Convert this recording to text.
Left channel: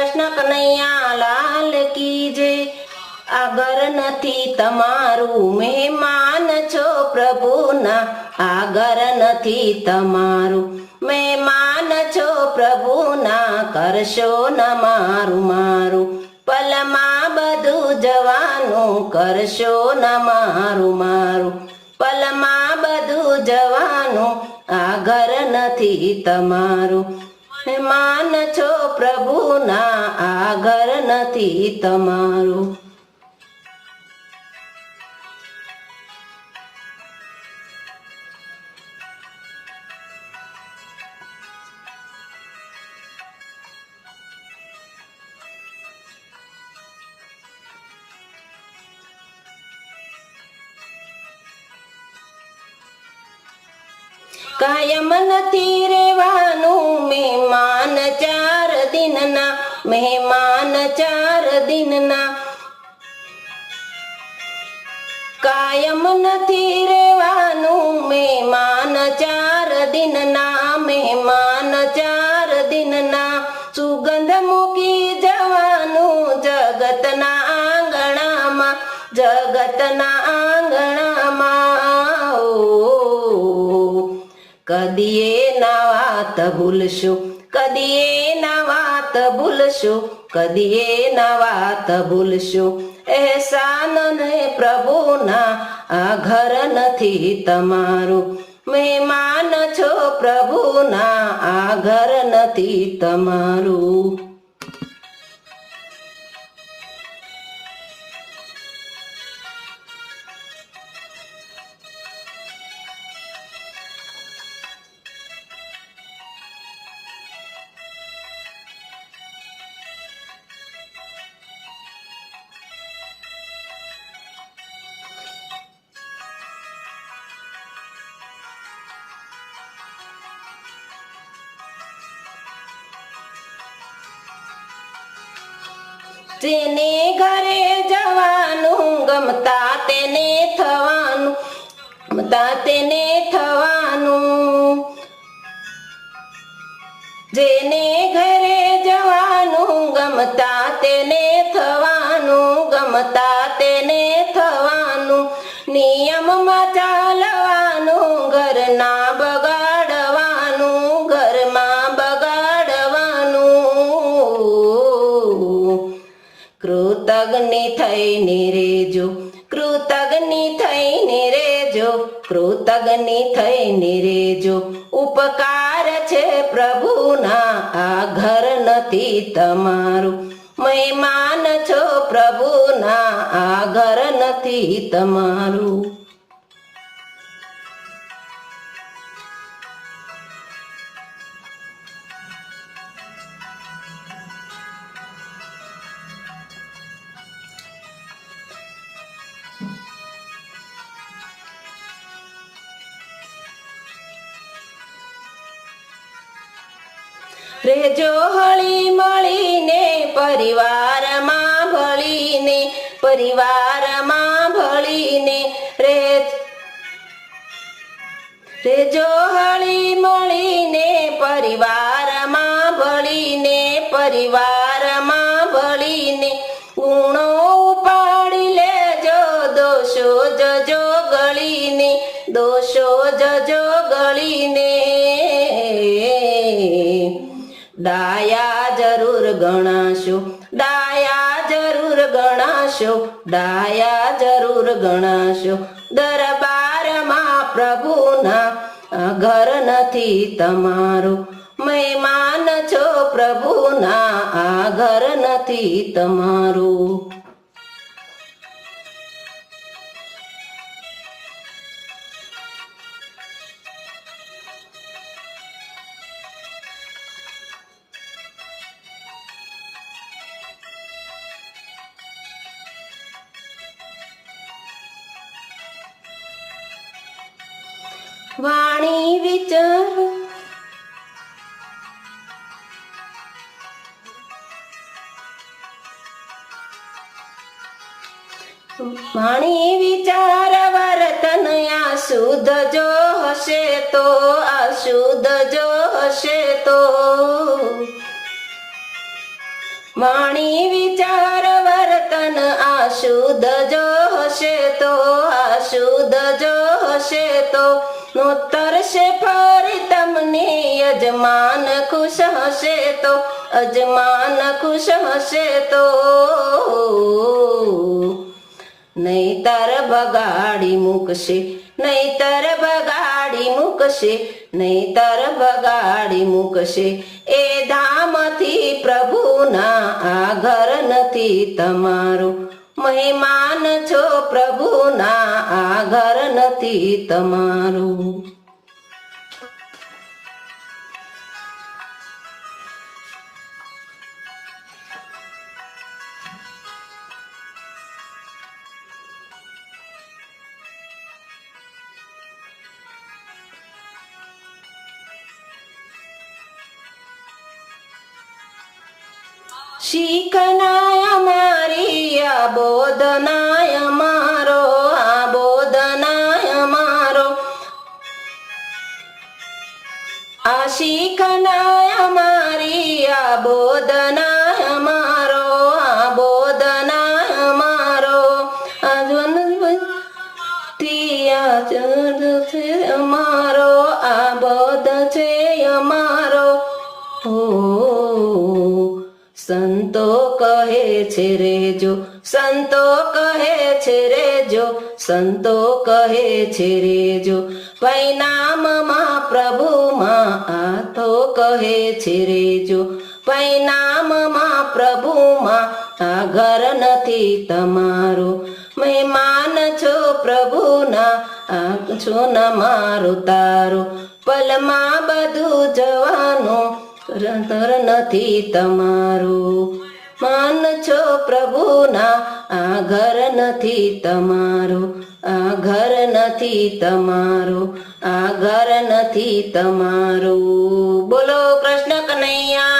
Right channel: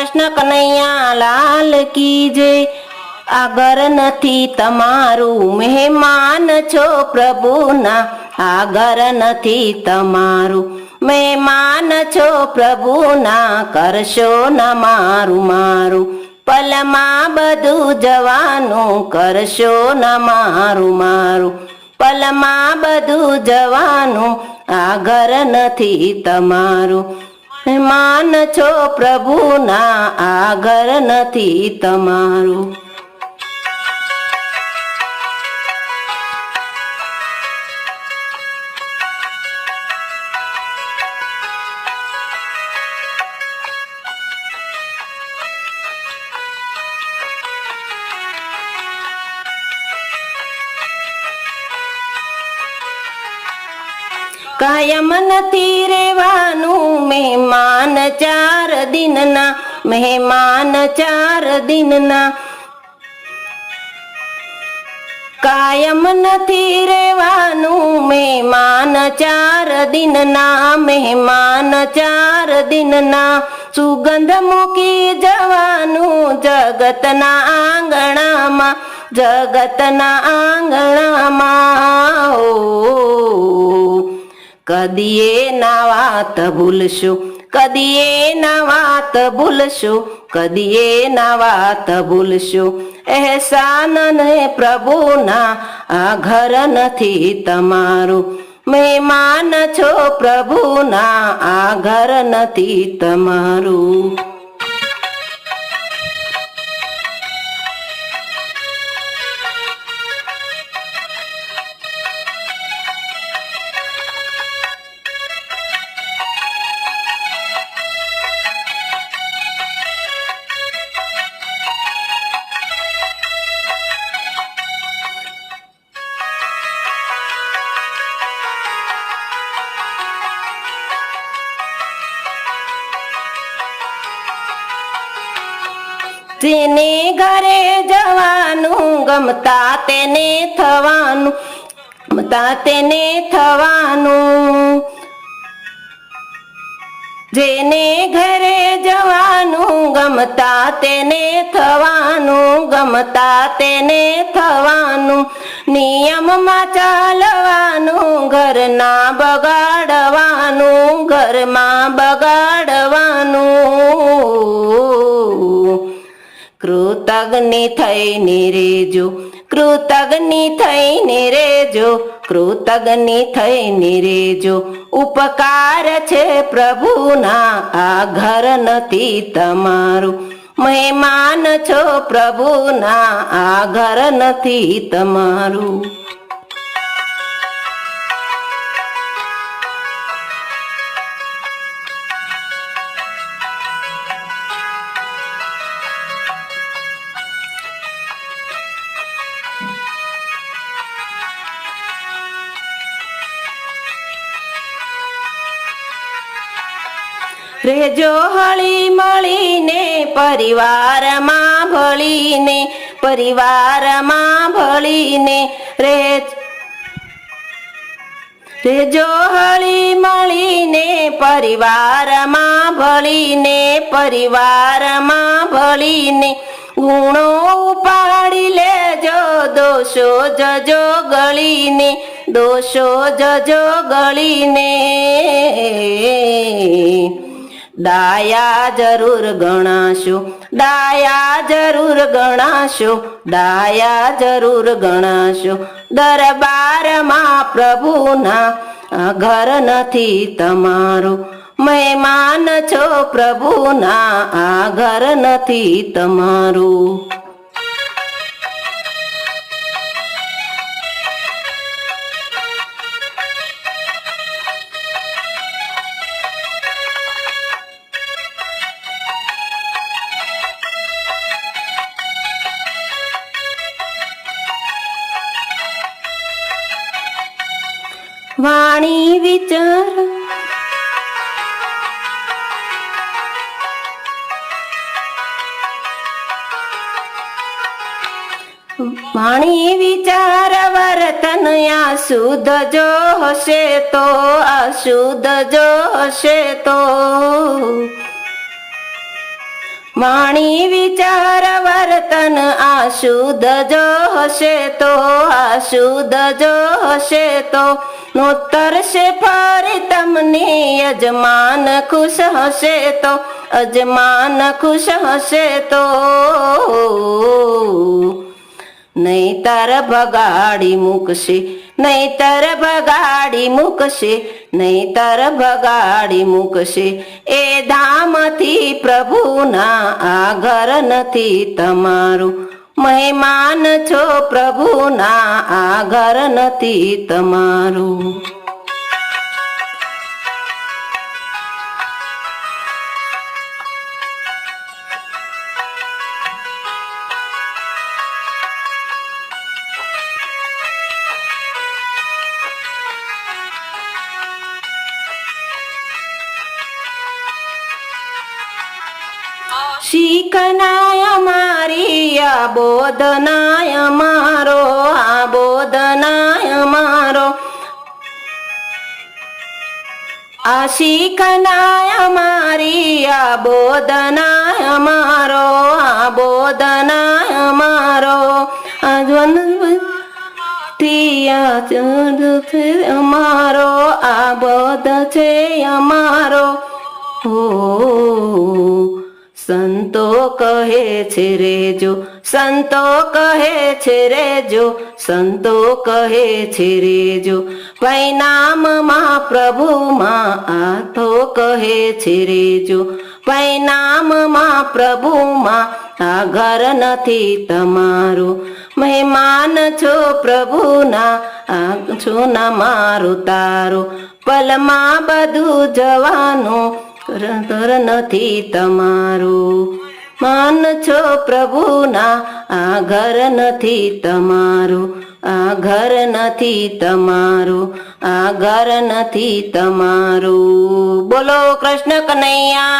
કૃષ્ણ કનૈયા લાલ કી જય। આગળ નથી તમારું મહેમાન છો પ્રભુના, આગળ નથી તમારું મહેમાન છો પ્રભુના, કરશો ના મારું મારું પલમાં બધું જવાનું, કરશો ના મારું મારું પલમાં બધું જવાનું, આગળ નથી તમારું મહેમાન છો પ્રભુના, આગળ નથી તમારું। કાયમ નથી રેવાનું મહેમાન 4 દિનના, મહેમાન 4 દિનના। કાયમ નથી રેવાનું મહેમાન 4 દિનના, મહેમાન 4 દિનના। સુગંધ મૂકી જવાનું જગતના આંગણામાં, જગતના આંગણામાં। કદીએ ના વાત ભૂલશું, કદીએ ના વાત ભૂલશું, કદીએ ના વાત ભૂલશું। એહસાન ને પ્રભુના, આ ઘર નથી તમારું મહેમાન છો પ્રભુના, આ ઘર નથી તમારું। જેને ઘરે જવાનું ગમતા તેને થવાનું, ગમતા તેને થવાનું। જેને ઘરે જવાનું ગમતા તેને થવાનું, ગમતા તેને થવાનું। નિયમમાં ચાલવાનું, ઘરના બગાડવાનું, ઘરમાં બગાડવાનું। કૃતજ્ઞ થઈને રેજો, કૃતજ્ઞ થઈને રેજો, કૃતજ્ઞ થઈને રેજો। ઉપકાર છે પ્રભુના, આ ઘર નથી તમારું મહેમાન છો પ્રભુના, આ ઘર નથી તમારું। રેજો હળી મળીને પરિવારમાં ભળીને, પરિવારમાં ભળીને રેજો હળી મળીને પરિવારમાં ભળીને, પરિવારમાં ભળીને। ગુણો ઉપાડી લેજો, દોષો જજો ગળીને, દોષો જજો ગળીને। ડાયા જરૂર ગણાશો, ડાયા જરૂર ગણાશો, ડાયા જરૂર ગણાશો। દરબારમાં પ્રભુના, આ ઘર નથી તમારું મહેમાન છો પ્રભુના, આ ઘર નથી તમારું। વાણી વિચાર વાણી વિચાર વર્તન અશુદ્ધ જો હશે તો, અશુદ્ધ જો હશે તો। વાણી વિચાર વર્તન આ શુદ્ધ જો હશે તો, આ શુદ્ધ જો હશે તો નોતરશે ફરી તમને યજમાન ખુશ હશે તો, યજમાન ખુશ હશે તો. નહીતર બગાડી મૂકશે, નહીતર બગાડી મૂકશે, નહીતર બગાડી મૂકશે. એ ધામથી પ્રભુના આ ઘર નથી તમારું, મહેમાન છો પ્રભુના આ ઘર નથી તમારું. શીખનાય મારી આ બોધનાય મારો, આ બોધનાય મારો. આ શીખનાય મારી આ બોધનાય મારો, આ બોધનાય મારો. અમારો આ બોધ છે અમારો. સંતો કહે છે રેજો, સંતો કહે છે રેજો, સંતો કહે છે રેજો. પરિણામમાં પ્રભુમાં આ તો કહે છે રેજો, પરિણામમાં પ્રભુમાં આ ઘર નથી તમારું, મહેમાન છો પ્રભુના આ છો ના મારું તારું. પલમાં બધું જવાનું ઘર નથી તમારું, માન છો પ્રભુના આ ઘર નથી તમારું, આ ઘર નથી તમારું, આ ઘર નથી તમારું. બોલો કૃષ્ણ કનૈયા